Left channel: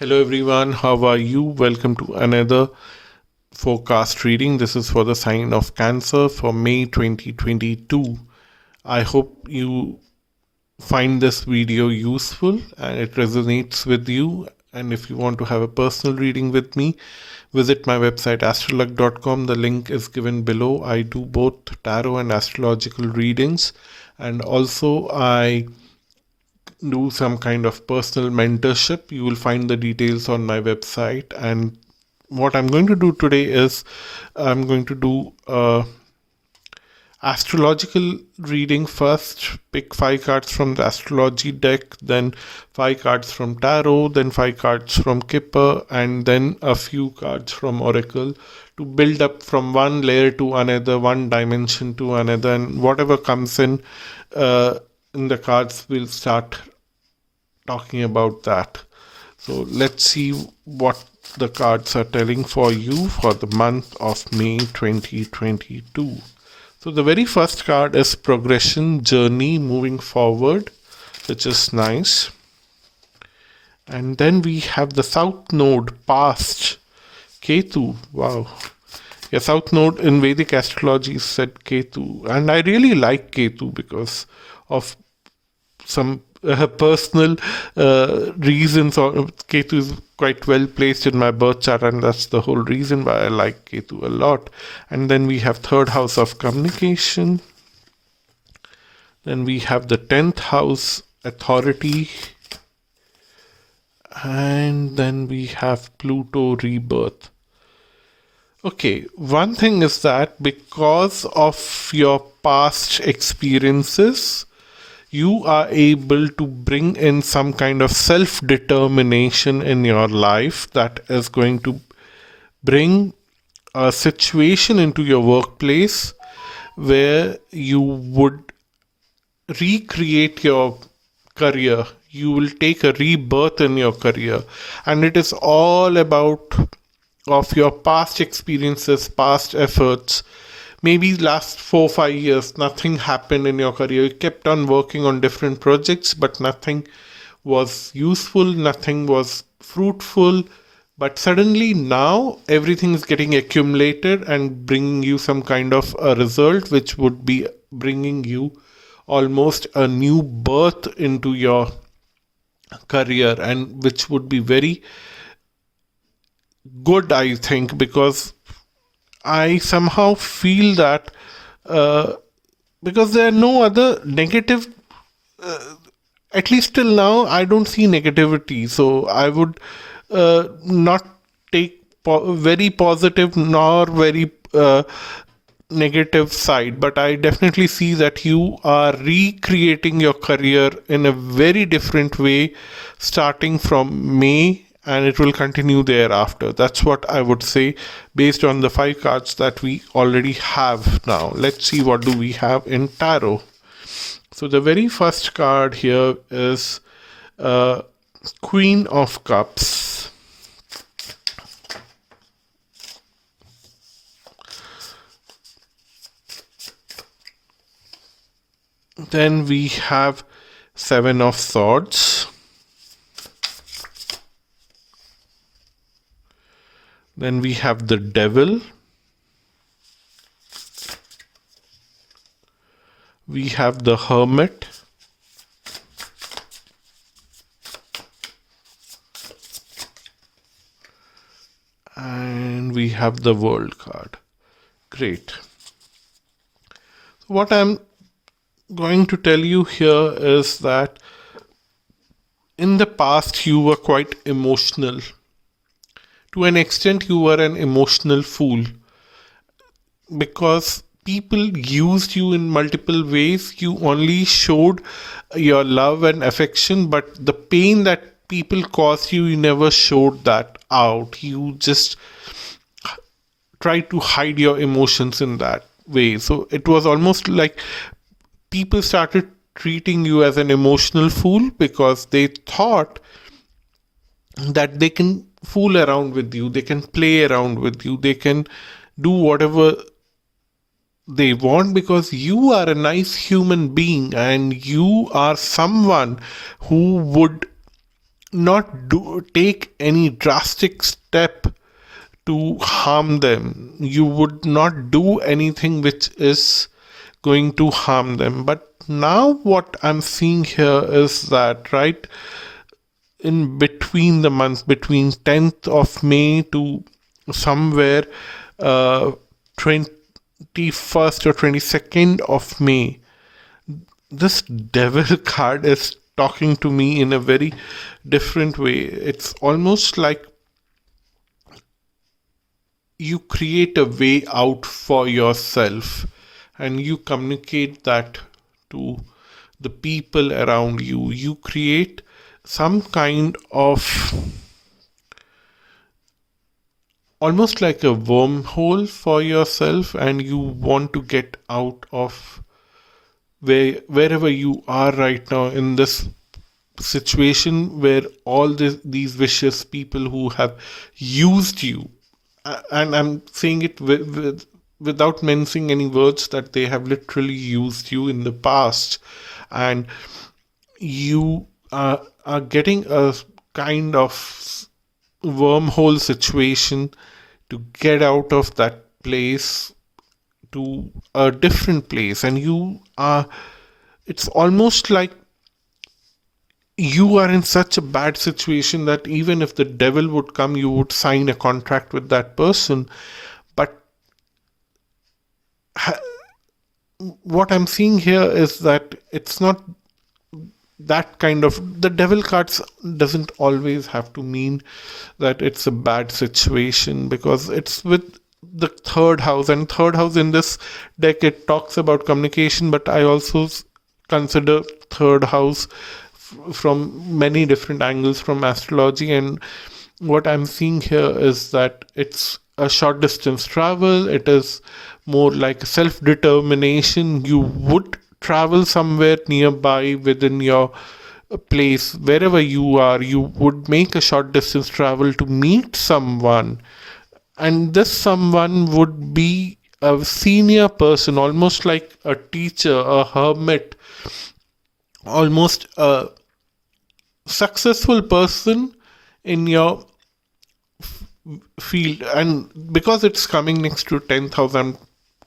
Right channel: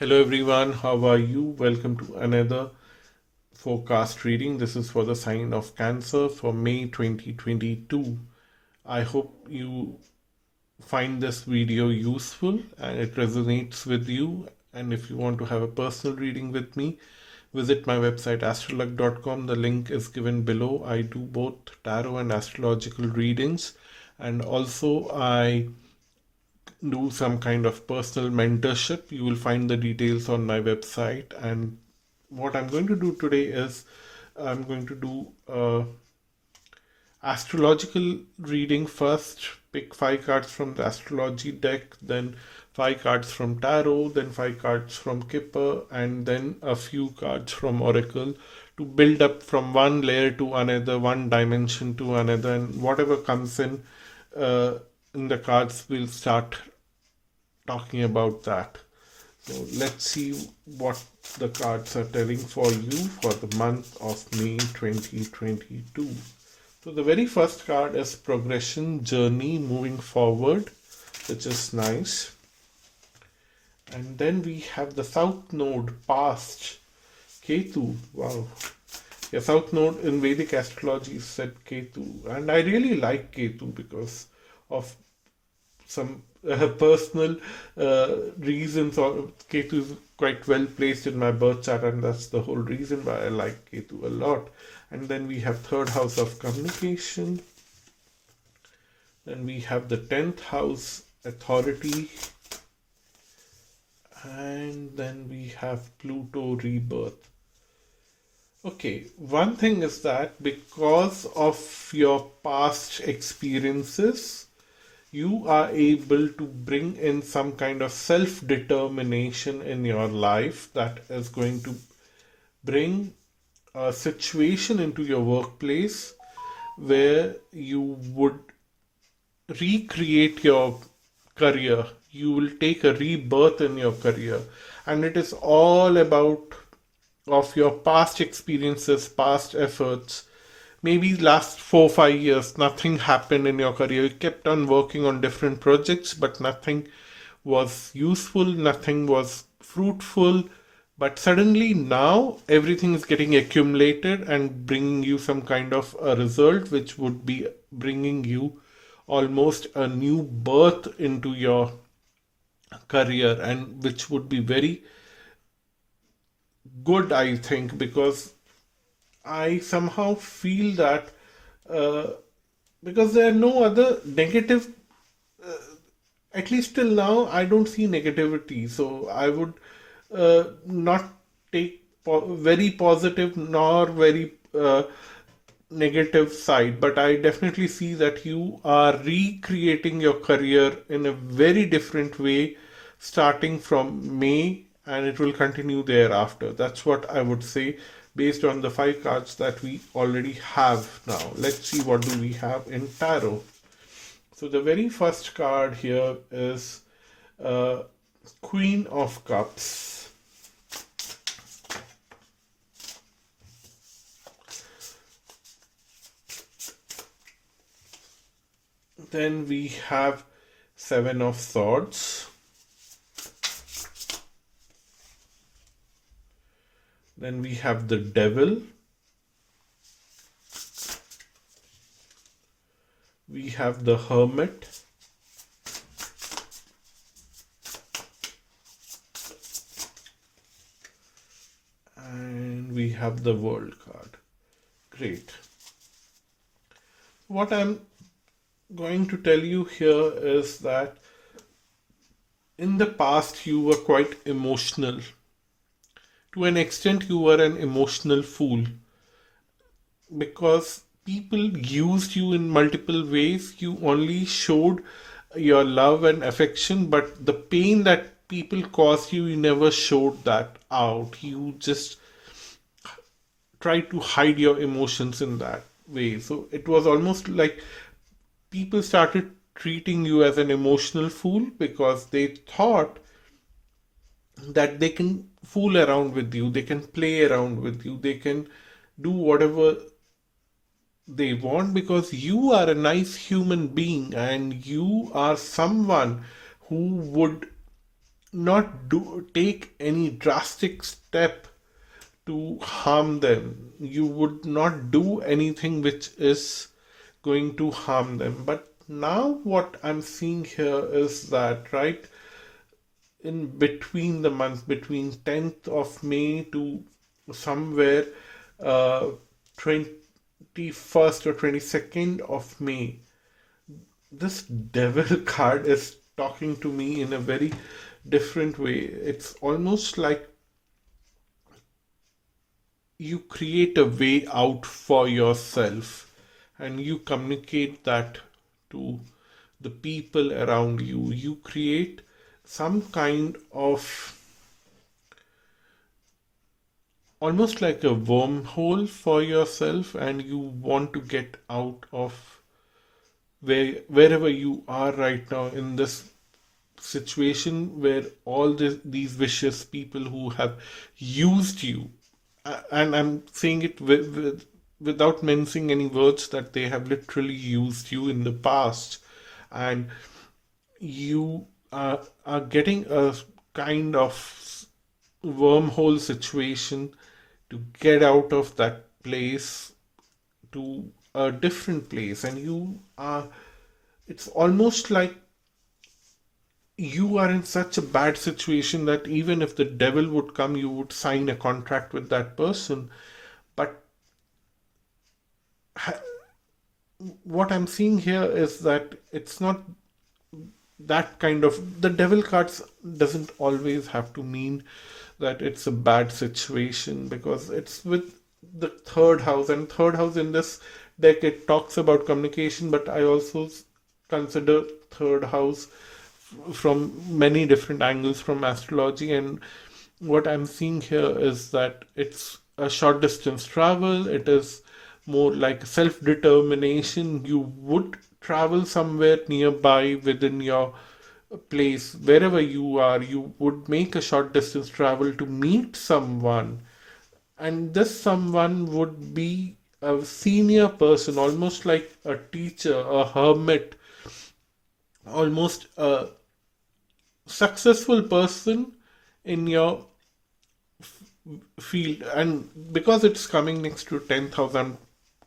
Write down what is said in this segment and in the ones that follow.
Hello everyone, how are you? Welcome to another forecast reading. This is for the sign of Cancer for May 2022. I hope you find this video useful and it resonates with you. And if you want to have a personal reading with me, visit my website astralluck.com. The link is given below. I do both tarot and astrological readings, and also I do some kind of personal mentorship. You will find the details on my website. And what I'm going to do today is I'm going to do astrological reading first. Pick 5 cards from the astrology deck, then 5 cards from tarot, then 5 cards from Kipper, and then a few cards from Oracle, to build up from one layer to another, one dimension to another, and whatever comes in the cards, we'll start talking about that. So let's see what the cards are telling for you for the month of May 2022. So the very first card is progression, journey, moving forward, which is nice. And then we have the South Node, past, Ketu. Wow. Yeah, South Node in Vedic astrology is said Ketu. And I really like Ketu because of some personal reasons. Ketu is quite well placed in my birth chart, and that's the whole reason why I like Ketu a lot. And then we have third house of communication. Then we have the 10th house, authority. And then we have Pluto, rebirth. Okay, one thing is that because of your past experiences, you are able to bring in some kind of self-determination in your life that is going to bring a situation into your workplace where you would recreate your career. You will take a rebirth in your career, and it is all about of your past experiences, past efforts. Maybe last 4-5 years, nothing happened in your career. You kept on working on different projects, but nothing was useful, nothing was fruitful. But suddenly now everything is getting accumulated and bringing you some kind of a result, which would be bringing you almost a new birth into your career, and which would be very good, I think, because I somehow feel that because there are no other negative, at least till now, I don't see negativity. So I would not take very positive nor very negative side, but I definitely see that you are recreating your career in a very different way starting from May, and it will continue thereafter. That's what I would say based on the 5 cards that we already have now. Let's see what do we have in tarot. So the very first card here is Queen of Cups. Then we have 7 of Swords. Then we have the Devil. We have the Hermit. And we have the World card. Great. What I'm going to tell you here is that in the past you were quite emotional. To an extent, you were an emotional fool because people used you in multiple ways. You only showed your love and affection, but the pain that people caused you, you never showed that out. You just tried to hide your emotions in that way. So it was almost like people started treating you as an emotional fool because they thought that they can fool around with you, they can play around with you, they can do whatever they want because you are a nice human being and you are someone who would not take any drastic step to harm them. You would not do anything which is going to harm them. But now what I'm seeing here is that, right, in between the months, between 10th of May to somewhere 21st or 22nd of May, this devil card is talking to me in a very different way. It's almost like you create a way out for yourself and you communicate that to the people around you. You create some kind of almost like a wormhole for yourself, and you want to get out of wherever you are right now in this situation where all these vicious people who have used you, and I'm saying it without mincing any words, that they have literally used you in the past, and you are getting a kind of wormhole situation to get out of that place to a different place. And it's almost like you are in such a bad situation that even if the devil would come, you would sign a contract with that person. But what I'm seeing here is that it's not that kind of, the devil cards doesn't always have to mean that it's a bad situation, because it's with the third house, and third house in this deck, it talks about communication, but I also consider third house from many different angles from astrology. And what I'm seeing here is that it's a short distance travel. It is more like self-determination. You would travel somewhere nearby within your place, wherever you are. You would make a short distance travel to meet someone, and this someone would be a senior person, almost like a teacher, a hermit, almost a successful person in your field. And because it's coming next to 10th house, I'm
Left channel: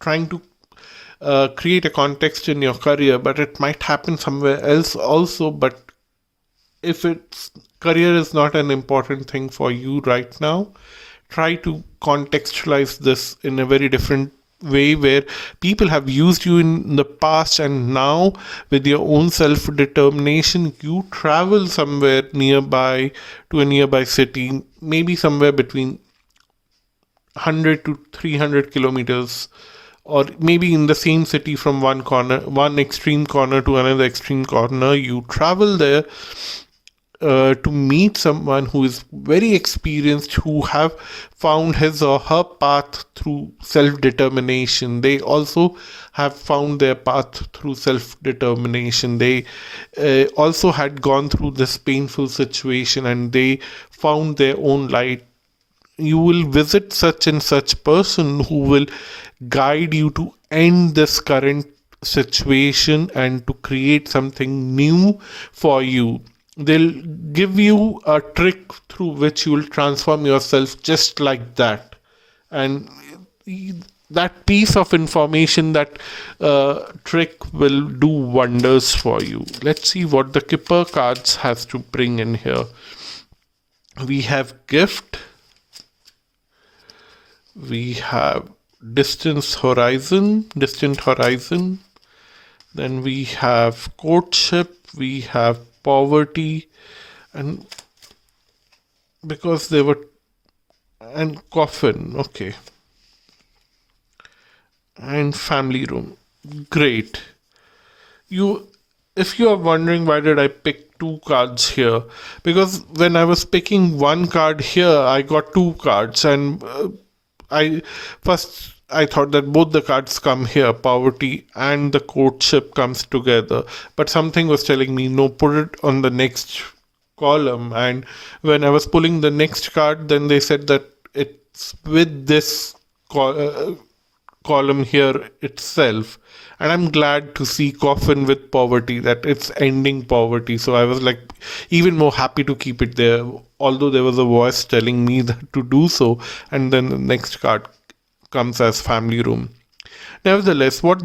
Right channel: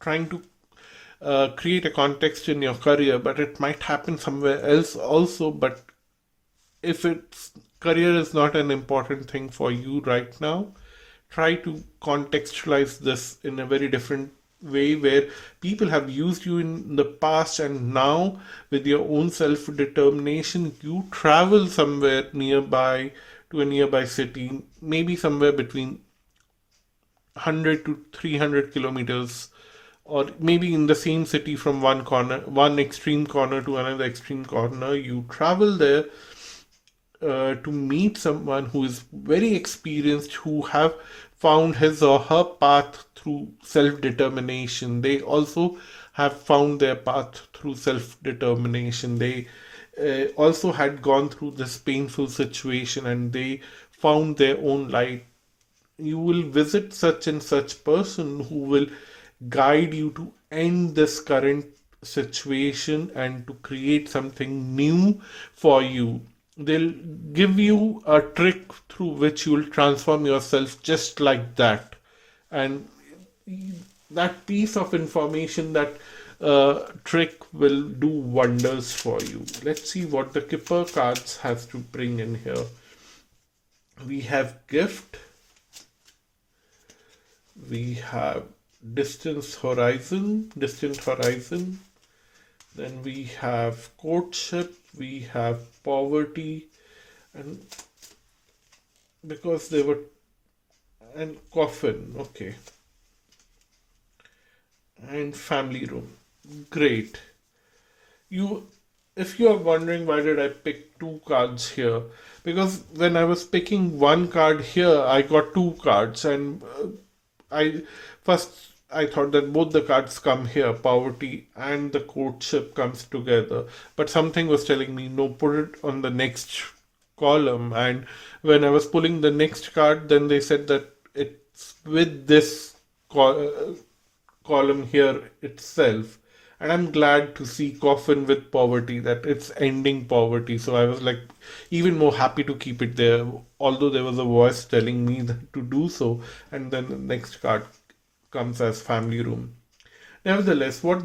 trying to create a context in your career, but it might happen somewhere else also. But if it's career is not an important thing for you right now, try to contextualize this in a very different way, where people have used you in the past, and now with your own self-determination, you travel somewhere nearby to a nearby city, maybe somewhere between 100 to 300 kilometers, or maybe in the same city, from one extreme corner to another extreme corner. You travel there to meet someone who is very experienced, who have found his or her path through self-determination. They also have found their path through self-determination. They also had gone through this painful situation, and they found their own light. You will visit such and such person who will guide you to end this current situation and to create something new for you. They'll give you a trick through which you will transform yourself just like that. And that piece of information, that trick, will do wonders for you. Let's see what the Kipper cards has to bring in here. We have gift. We have distant horizon. Then we have courtship. We have poverty, and because they were, and coffin, okay, and family room. Great. If you are wondering why did I pick two cards here, because when I was picking one card here, I got two cards, and I thought that both the cards come here, poverty and the courtship comes together. But something was telling me, no, put it on the next column. And when I was pulling the next card, then they said that it's with this column here itself. And I'm glad to see coffin with poverty, that it's ending poverty. So I was like even more happy to keep it there, although there was a voice telling me that to do so. And then the next card comes as family room. Nevertheless, what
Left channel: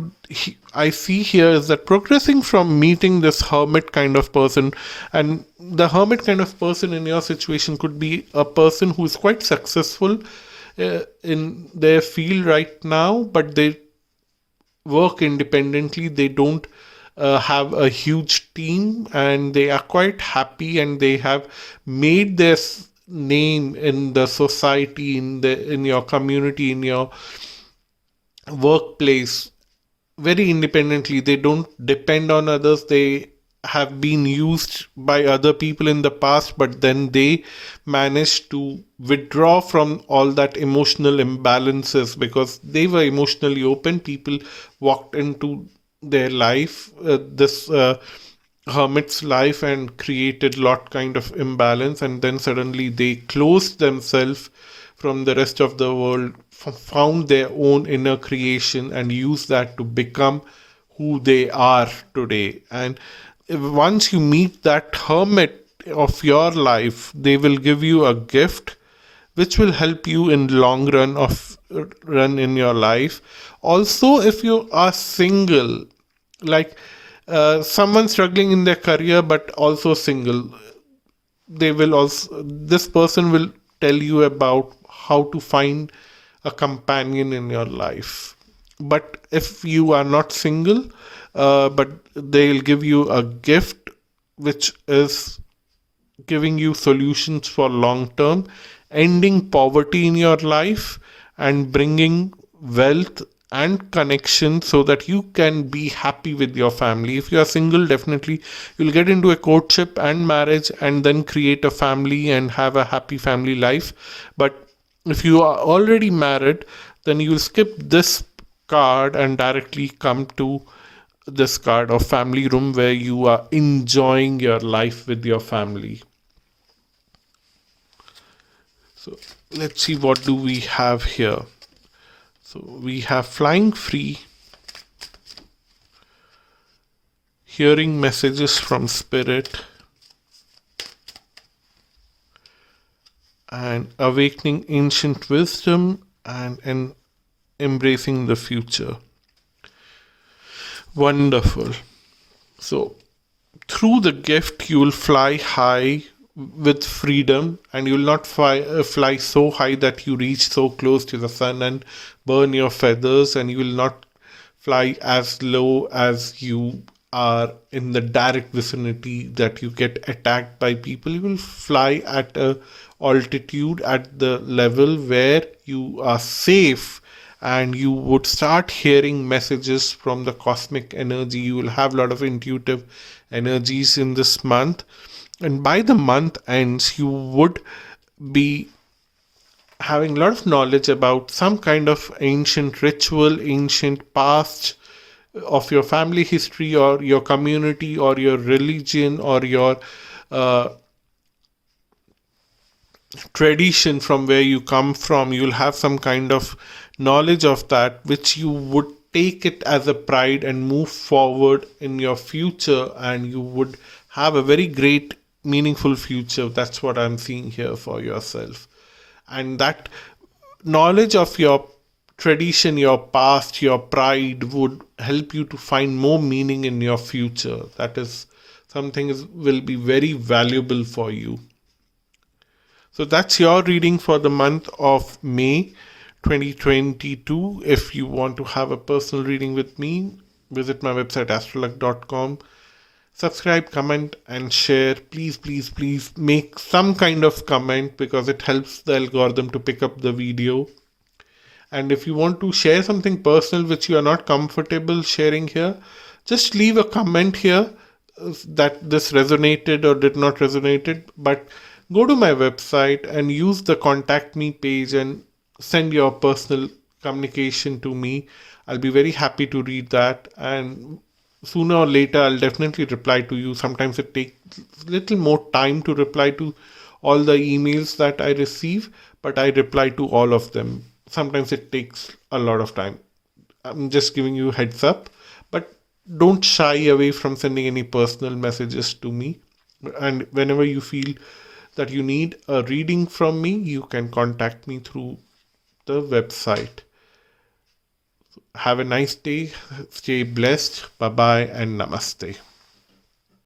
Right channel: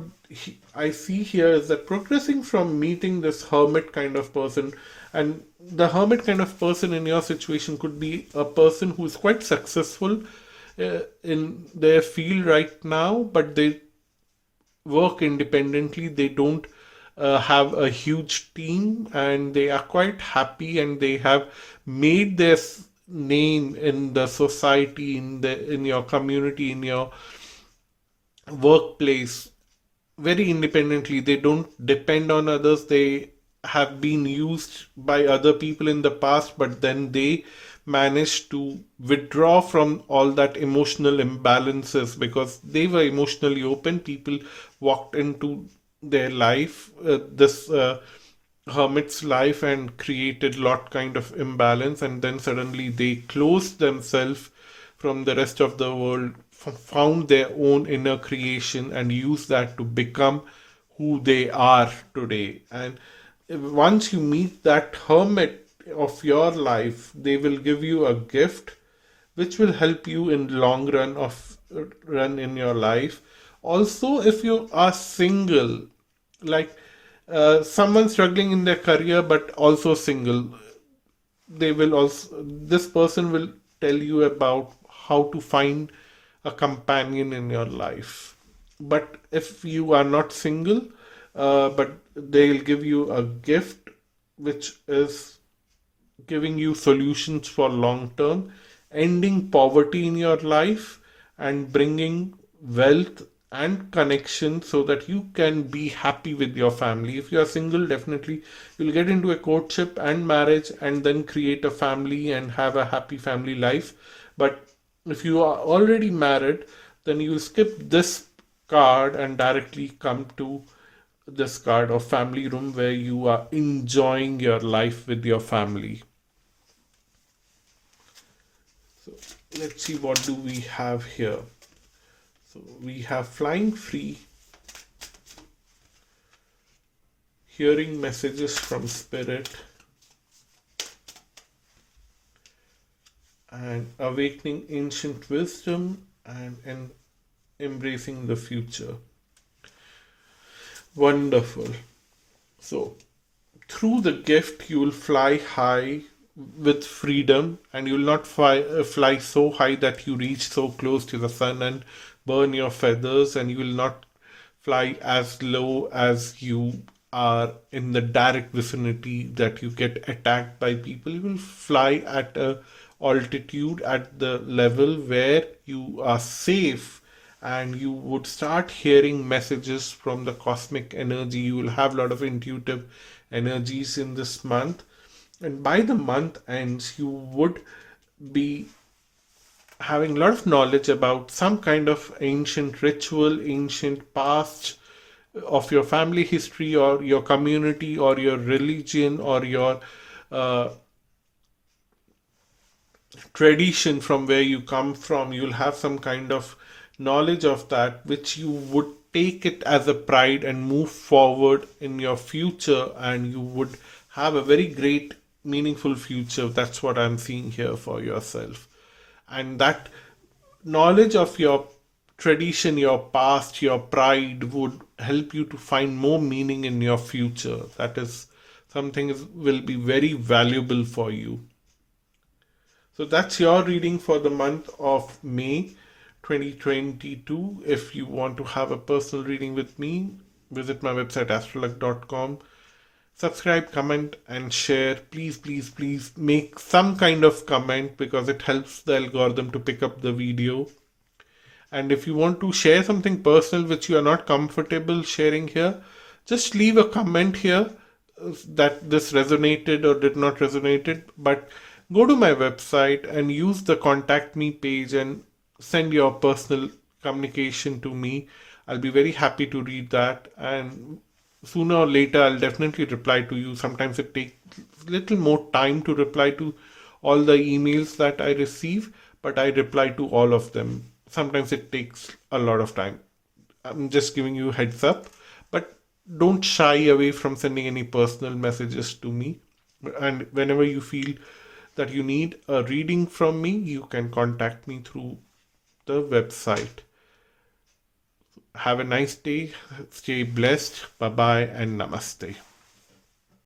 I see here is that progressing from meeting this hermit kind of person, and the hermit kind of person in your situation could be a person who is quite successful in their field right now, but they work independently. They don't have a huge team, and they are quite happy, and they have made their name in the society, in your community, in your workplace very independently. They don't depend on others. They have been used by other people in the past, but then they managed to withdraw from all that emotional imbalances because they were emotionally open. People walked into their life, this hermit's life, and created lot kind of imbalance, and then suddenly they closed themselves from the rest of the world, found their own inner creation, and used that to become who they are today. And once you meet that hermit of your life, they will give you a gift which will help you in long run in your life. Also, if you are single, like someone struggling in their career but also single, they will also this person will tell you about how to find a companion in your life. But if you are not single, but they'll give you a gift which is giving you solutions for long term, ending poverty in your life, and bringing wealth and connection so that you can be happy with your family. If you are single, definitely you'll get into a courtship and marriage and then create a family and have a happy family life. But if you are already married, then you'll skip this card and directly come to this card of family room, where you are enjoying your life with your family. So let's see, what do we have here? So we have flying free, hearing messages from spirit, and awakening ancient wisdom, and embracing the future. Wonderful. So through the gift, you will fly high with freedom, and you will not fly so high that you reach so close to the sun and burn your feathers, and you will not fly as low as you are in the direct vicinity that you get attacked by people. You will fly at a altitude, at the level where you are safe, and you would start hearing messages from the cosmic energy. You will have a lot of intuitive energies in this month, and by the month ends, you would be having a lot of knowledge about some kind of ancient ritual, ancient past of your family history, or your community, or your religion, or your uh, tradition from where you come from. You'll have some kind of knowledge of that, which you would take it as a pride and move forward in your future, and you would have a very great, meaningful future. That's what I'm seeing here for yourself. And that knowledge of your tradition, your past, your pride would help you to find more meaning in your future. That is something will be very valuable for you. So that's your reading for the month of May 2022. If you want to have a personal reading with me, visit my website astralluck.com. Subscribe, comment, and share. Please, please, please make some kind of comment, because it helps the algorithm to pick up the video. And if you want to share something personal which you are not comfortable sharing here, just leave a comment here that this resonated or did not resonate. But go to my website and use the contact me page and send your personal communication to me. I'll be very happy to read that, and sooner or later I'll definitely reply to you. Sometimes it takes a little more time to reply to all the emails that I receive, but I reply to all of them. Sometimes it takes a lot of time. I'm just giving you heads up, but don't shy away from sending any personal messages to me. And whenever you feel that you need a reading from me, you can contact me through the website. Have a nice day. Stay blessed. Bye bye and namaste.